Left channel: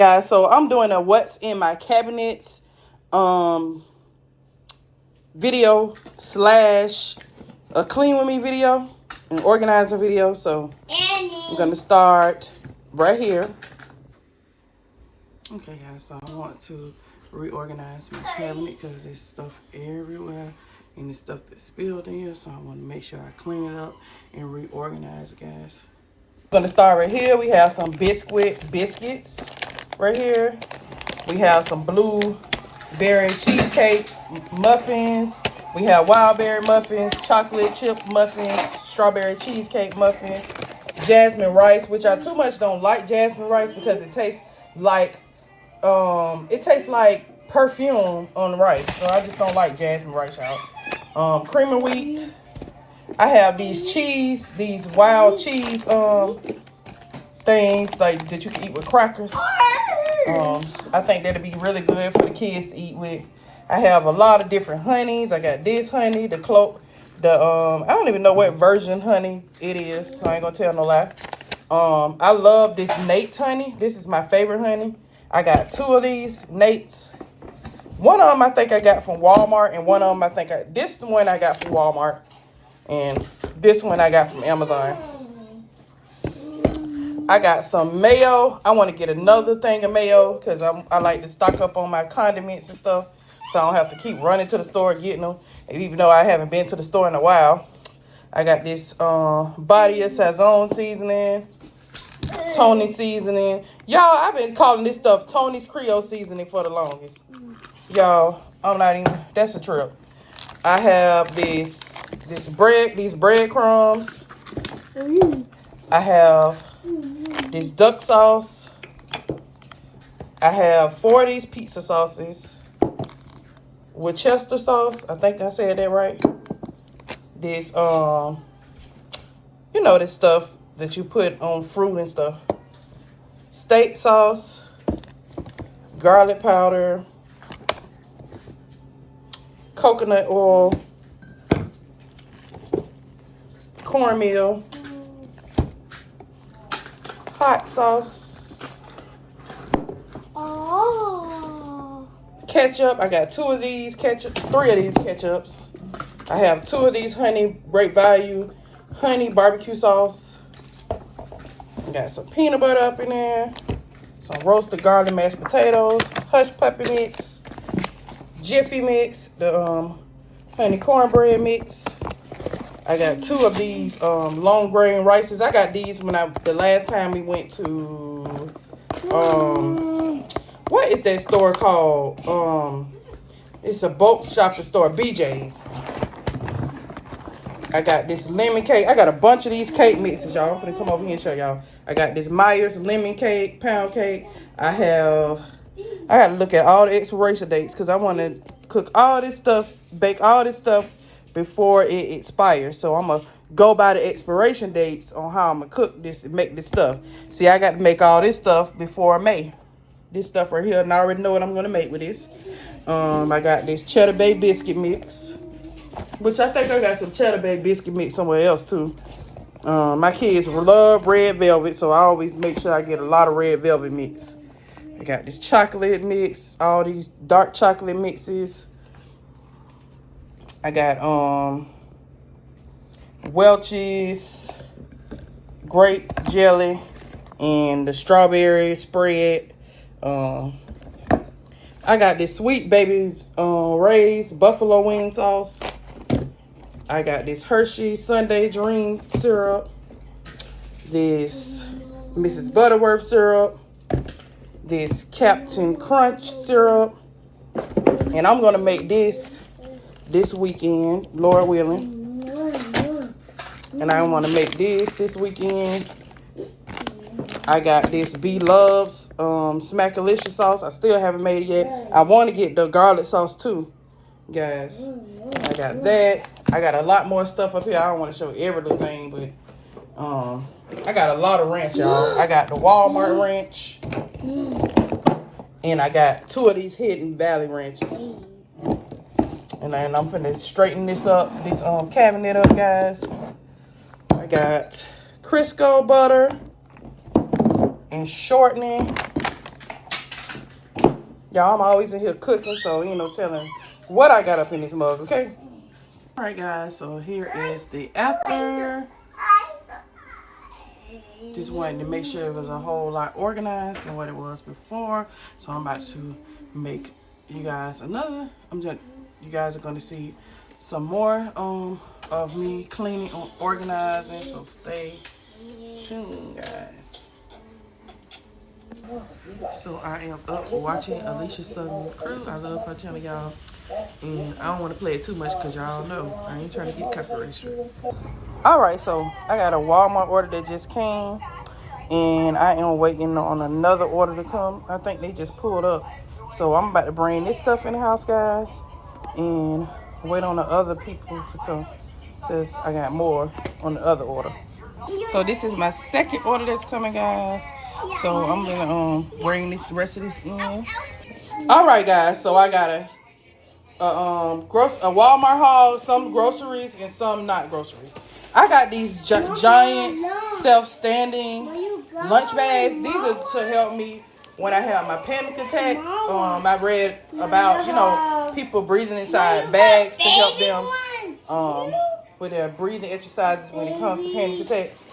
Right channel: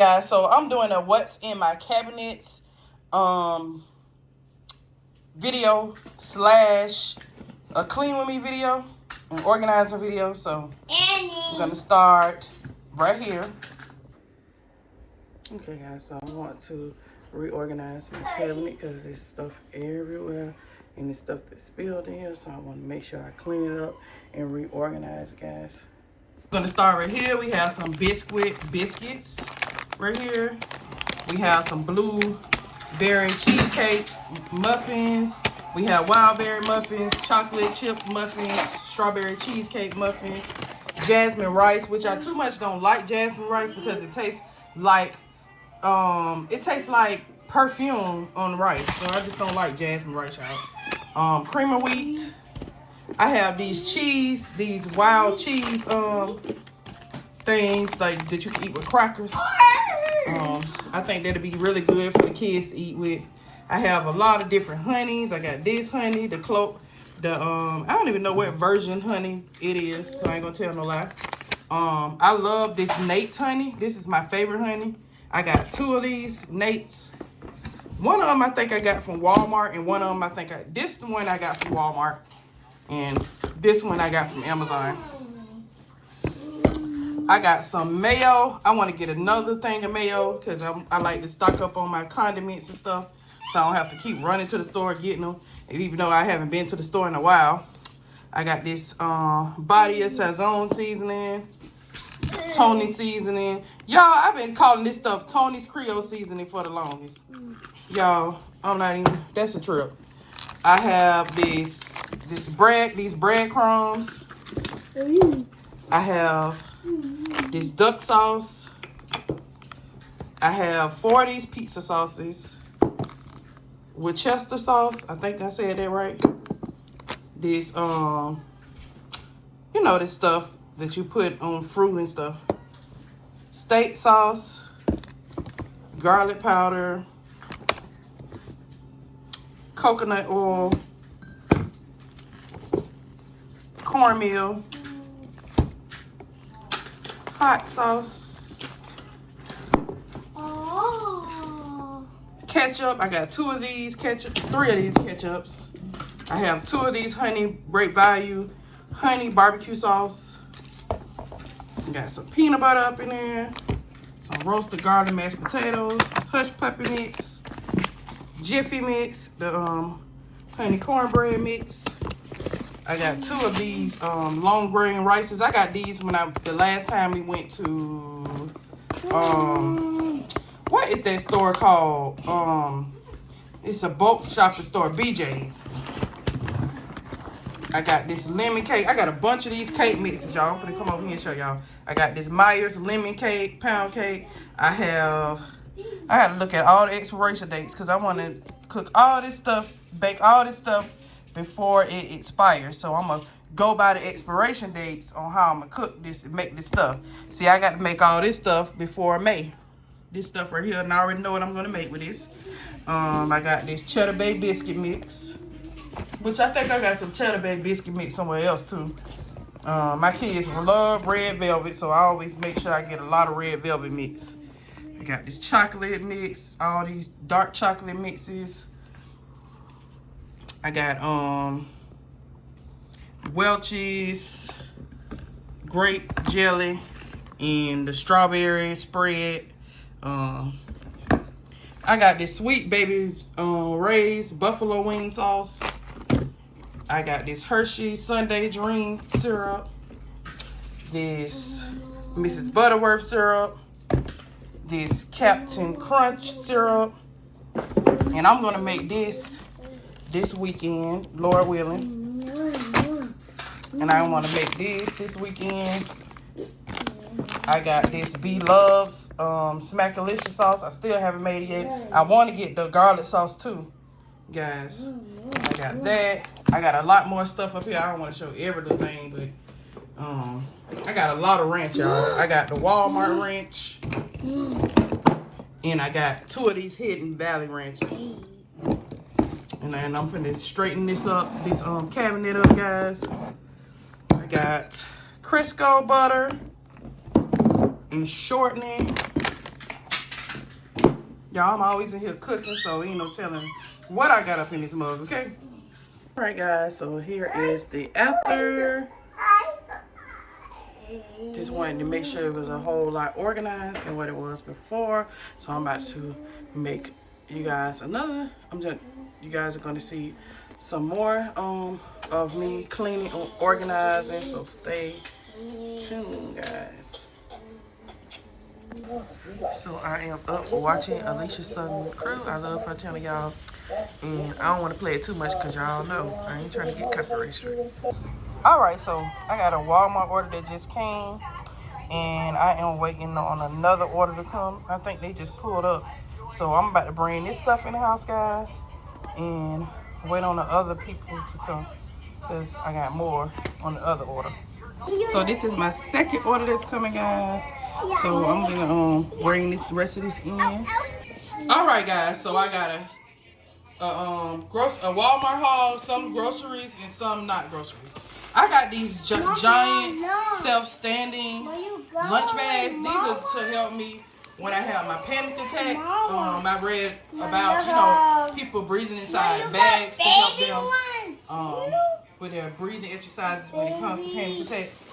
Guys, so I'm doing a what's in my cabinets video slash a clean with me video, an organizer video. So I'm gonna start right here. Okay guys, so I want to reorganize my cabinet because there's stuff everywhere and there's stuff that's spilled in here, so I want to make sure I clean it up and reorganize it, guys. I'm gonna start right here. We have some biscuits right here. We have some blueberry cheesecake muffins. We have wild berry muffins, chocolate chip muffins, strawberry cheesecake muffins, jasmine rice, which I too much don't like jasmine rice because it tastes like perfume on rice. So I just don't like jasmine rice, y'all. Cream of wheat. I have these wild cheese things like that you can eat with crackers. I think that'll be really good for the kids to eat with. I have a lot of different honeys. I got this honey, I don't even know what version honey it is, so I ain't gonna tell no lie. I love this Nate's honey. This is my favorite honey. I got 2 of these Nate's. One of them I think I got from Walmart, and one of them this one I got from Walmart, and this one I got from Amazon. I got some mayo. I want to get another thing of mayo because I like to stock up on my condiments and stuff, so I don't have to keep running to the store getting them. And even though I haven't been to the store in a while, I got this Body of Sazon seasoning, Tony seasoning. Y'all, I've been calling this stuff Tony's Creole seasoning for the longest. Y'all, that's a trip. I have these breadcrumbs. I have this duck sauce. I have 4 of these pizza sauces with Chester sauce. I think I said that right. This, this stuff that you put on fruit and stuff. Steak sauce, garlic powder, coconut oil, cornmeal, hot sauce, ketchup. I got 2 of these ketchup, 3 of these ketchups. I have 2 of these Great Value honey barbecue sauce. I got some peanut butter up in there, some roasted garlic mashed potatoes, hush puppy mix, Jiffy mix, the honey cornbread mix. I got 2 of these long grain rices. I got these the last time we went to what is that store called? It's a bulk shopping store, BJ's. I got this lemon cake. I got a bunch of these cake mixes, y'all. I'm gonna come over here and show y'all. I got this Myers lemon cake, pound cake. I gotta look at all the expiration dates because I want to cook all this stuff, bake all this stuff before it expires. So I'm gonna go by the expiration dates on how I'm gonna cook this and make this stuff. See, I got to make all this stuff before May. This stuff right here, and I already know what I'm gonna make with this. I got this Cheddar Bay biscuit mix, which I think I got some Cheddar Bay biscuit mix somewhere else too. My kids love red velvet, so I always make sure I get a lot of red velvet mix. I got this chocolate mix, all these dark chocolate mixes. I got Welch's grape jelly and the strawberry spread. I got this Sweet Baby Ray's buffalo wing sauce. I got this Hershey Sunday Dream syrup, this Mrs. Butterworth syrup, this Captain Crunch syrup, and I'm gonna make this weekend, Lord willing. And I want to make this weekend. I got this Love's Smackalicious sauce. I still haven't made it yet. I want to get the garlic sauce too, guys. I got that. I got a lot more stuff up here. I don't want to show everything, but I got a lot of ranch, y'all. I got the Walmart ranch, and I got 2 of these Hidden Valley ranches. And then I'm finna straighten this cabinet up, guys. I got Crisco butter and shortening. Y'all, I'm always in here cooking, so you know, telling what I got up in this mug, okay? All right, guys, so here is the after. Just wanted to make sure it was a whole lot organized than what it was before. So I'm about to make you guys another. You guys are gonna see some more of me cleaning and organizing. So stay tuned, guys. So I am up watching Alicia Southern Crew. I love her channel, y'all. And I don't want to play it too much because y'all know I ain't trying to get copyright. Alright, so I got a Walmart order that just came. And I am waiting on another order to come. I think they just pulled up. So I'm about to bring this stuff in the house, guys. And wait on the other people to come. Because I got more on the other order. So this is my second order that's coming, guys. So I'm gonna bring the rest of this in. All right, guys. So I got a Walmart haul, some groceries and some not groceries. I got these giant self-standing lunch bags. These are to help me when I have my panic attacks. I read about, you know, people breathing inside bags to help them with their breathing exercises when it comes to panic attacks.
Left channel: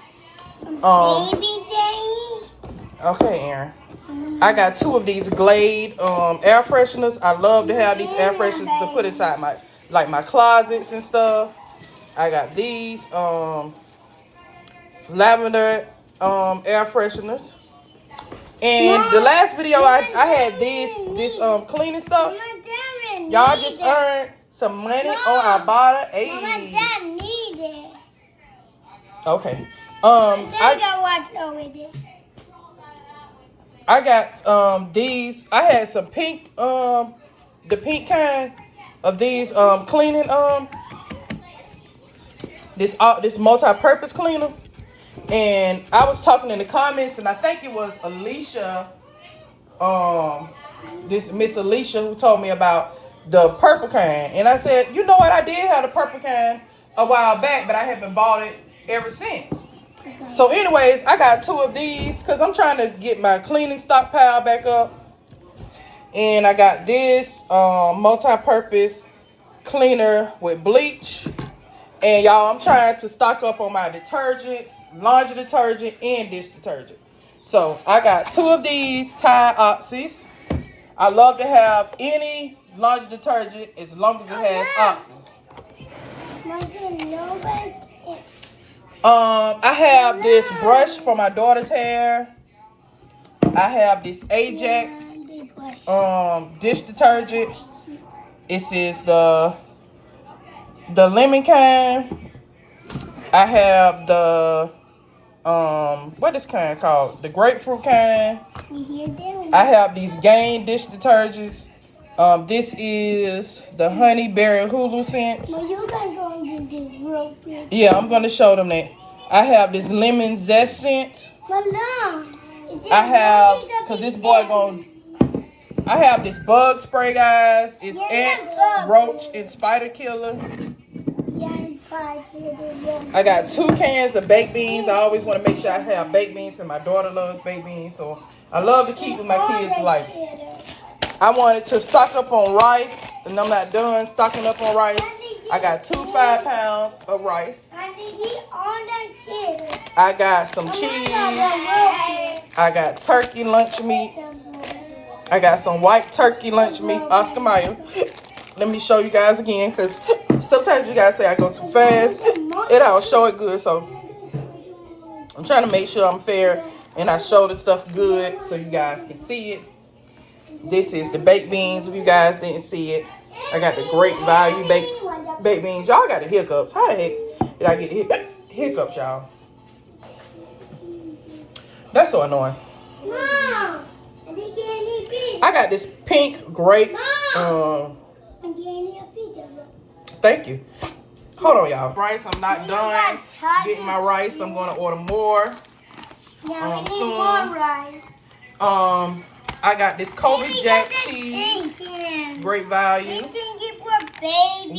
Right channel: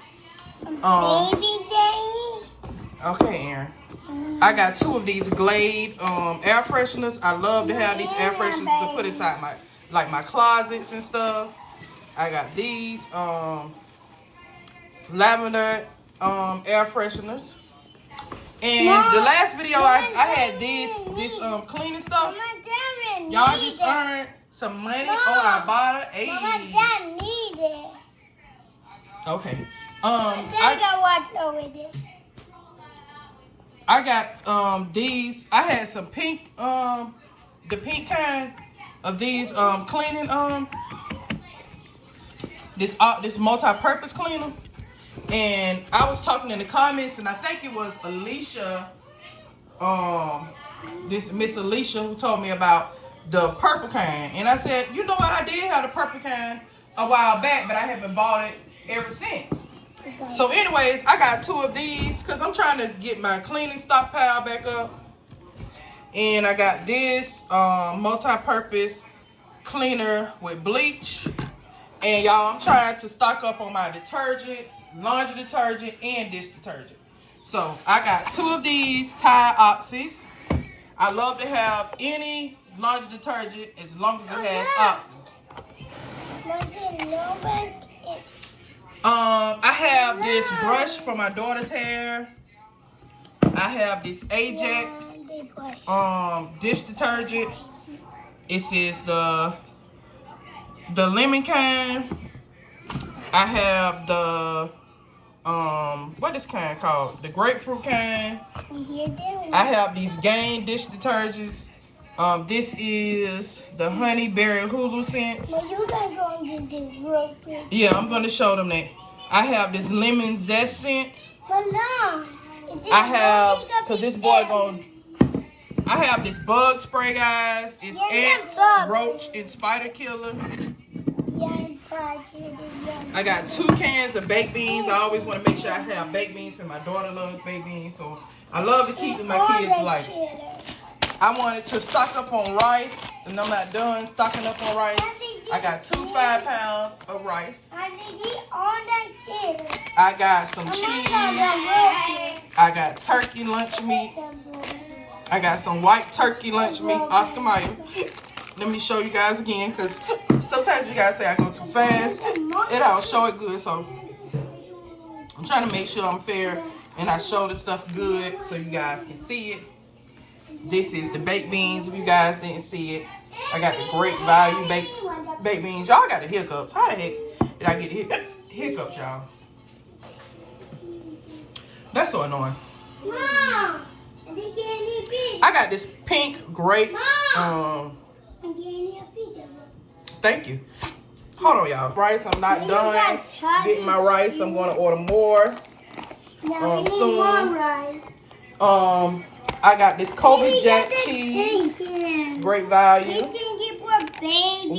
Okay, Aaron. I got 2 of these Glade air fresheners. I love to have these air fresheners to put inside my closets and stuff. I got these lavender air fresheners. And the last video I had this cleaning stuff. Y'all just earned some money on our bottle. Hey. Okay. I got these. I had some pink the pink kind of these cleaning this multi-purpose cleaner. And I was talking in the comments, and I think it was Alicia, this Miss Alicia, who told me about the purple kind. And I said, you know what, I did have the purple kind a while back, but I haven't bought it ever since. So anyways, I got 2 of these because I'm trying to get my cleaning stockpile back up. And I got this multi-purpose cleaner with bleach. And y'all, I'm trying to stock up on my detergents, laundry detergent, and dish detergent. So I got 2 of these Tide Oxys. I love to have any laundry detergent as long as it has Oxy. I have this brush for my daughter's hair. I have this Ajax dish detergent. It says the lemon kind. I have the what is kind called? The grapefruit kind. I have these Gain dish detergents. This is the honey berry hulu scent. Yeah, I'm gonna show them that. I have this lemon zest scent. I have, cause this boy I have this bug spray, guys. It's ants, roach, and spider killer. I got 2 cans of baked beans. I always want to make sure I have baked beans because my daughter loves baked beans. So I love to keep my kids' life. I wanted to stock up on rice, and I'm not done stocking up on rice. I got 2 5-pounds of rice. I got some cheese. I got turkey lunch meat. I got some white turkey lunch meat, Oscar Mayer. Let me show you guys again, because sometimes you guys say I go too fast. It all show it good, so I'm trying to make sure I'm fair and I show the stuff good so you guys can see it. This is the baked beans, if you guys didn't see it. I got the Great Value baked beans. Y'all got the hiccups. How the heck did I get the hiccups, y'all? That's so annoying. Mom, I got this pink grape. Thank you. Hold on, y'all. Rice, I'm not done getting my rice. I'm going to order more soon. I got this Kobe Jack cheese. Great value.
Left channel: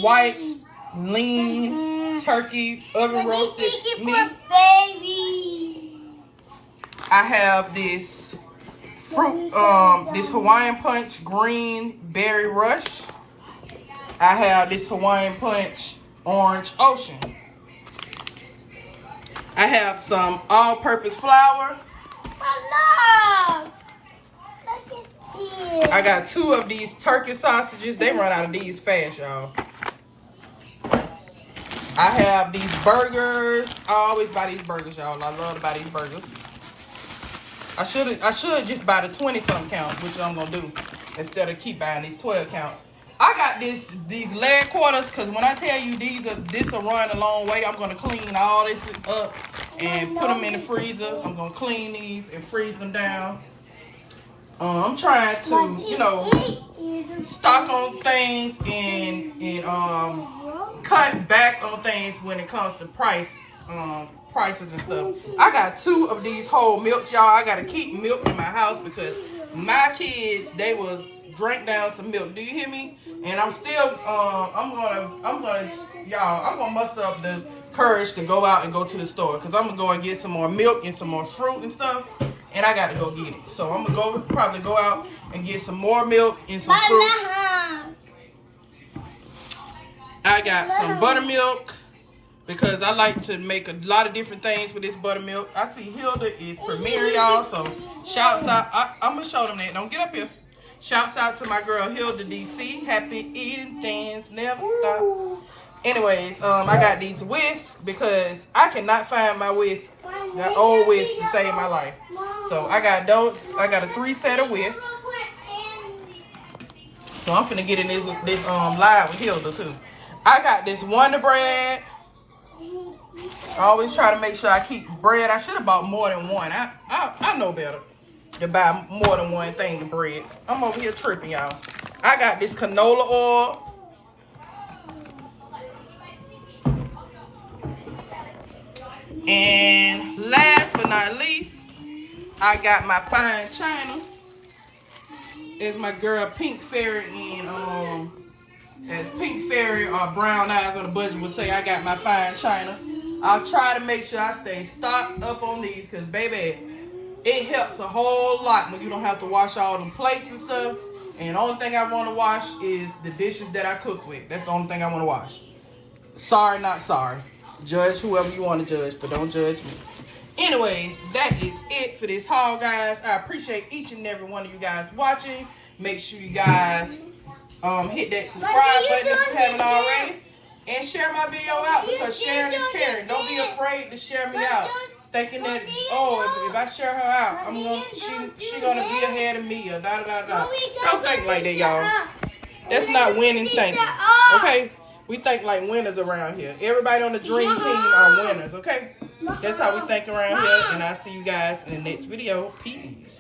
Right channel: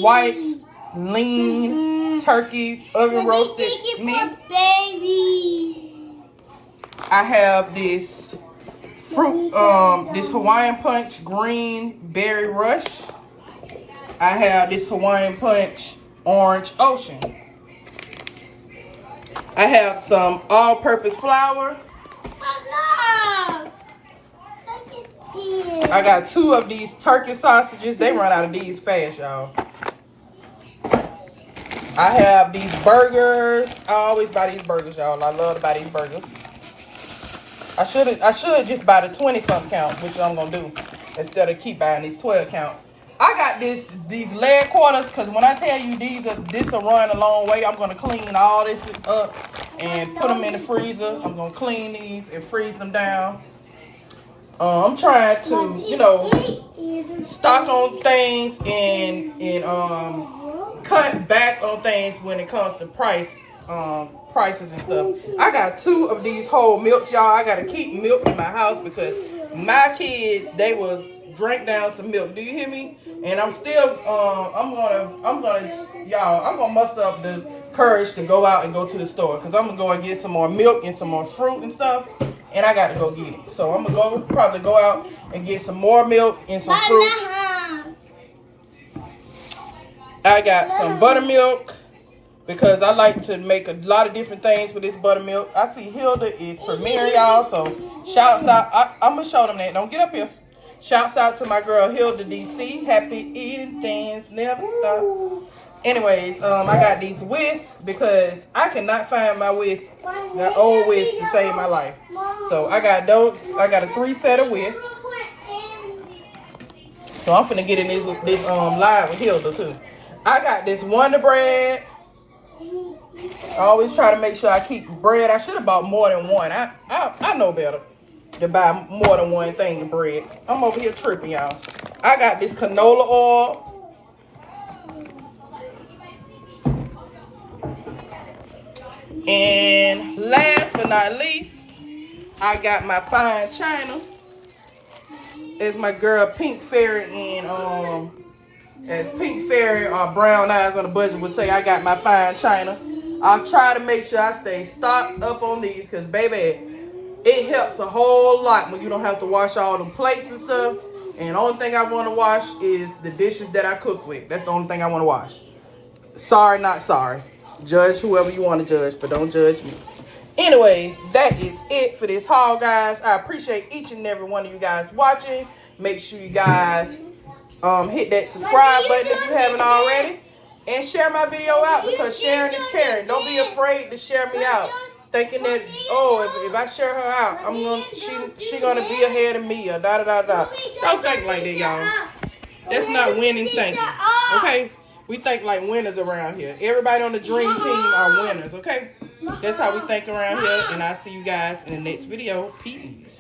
White, lean, turkey, oven roasted meat. I have this fruit, this Hawaiian Punch Green Berry Rush. I have this Hawaiian Punch Orange Ocean. I have some all-purpose flour. I got 2 of these turkey sausages. They run out of these fast, y'all. I have these burgers. I always buy these burgers, y'all. I love to buy these burgers. I should just buy the 20-something count, which I'm gonna do instead of keep buying these 12 counts. I got these leg quarters because when I tell you this will run a long way, I'm gonna clean all this up and put them in the freezer. I'm gonna clean these and freeze them down. I'm trying to, you know, stock on things and cut back on things when it comes to prices and stuff. I got 2 of these whole milks, y'all. I gotta keep milk in my house because my kids, they will drink down some milk. Do you hear me? And I'm still I'm gonna muster up the courage to go out and go to the store because I'm gonna go and get some more milk and some more fruit and stuff, and I gotta go get it. So I'm gonna probably go out and get some more milk and some fruit. I got some buttermilk because I like to make a lot of different things with this buttermilk. I see Hilda is premiering, y'all, so shouts out. I'm gonna show them that. Don't get up here. Shouts out to my girl Hilda DC. Happy eating, things never stop. Anyways, I got these whisks because I cannot find my whisk, that old whisk, to save my life. So I got those. I got a 3 set of whisks. So I'm finna get in this live with Hilda too. I got this Wonder Bread. I always try to make sure I keep bread. I should have bought more than one. I know better to buy more than one thing of bread. I'm over here tripping, y'all. I got this canola oil. And last but not least, I got my fine china. It's my girl Pink Fairy and as Pink Fairy or Brown Eyes on the Budget would say, I got my fine china. I'll try to make sure I stay stocked up on these because, baby, it helps a whole lot when you don't have to wash all them plates and stuff. And the only thing I want to wash is the dishes that I cook with. That's the only thing I want to wash. Sorry, not sorry. Judge whoever you want to judge, but don't judge me. Anyways, that is it for this haul, guys. I appreciate each and every one of you guys watching. Make sure you guys hit that subscribe button if you haven't already. And share my video out because sharing is caring. Don't be afraid to share me out. Thinking that, oh, if I share her out, she gonna be ahead of me or da da da da. Don't think like that, y'all. That's not winning thinking. Okay? We think like winners around here. Everybody on the dream team are winners, okay? That's how we think around here. And I'll see you guys in the next video. Peace.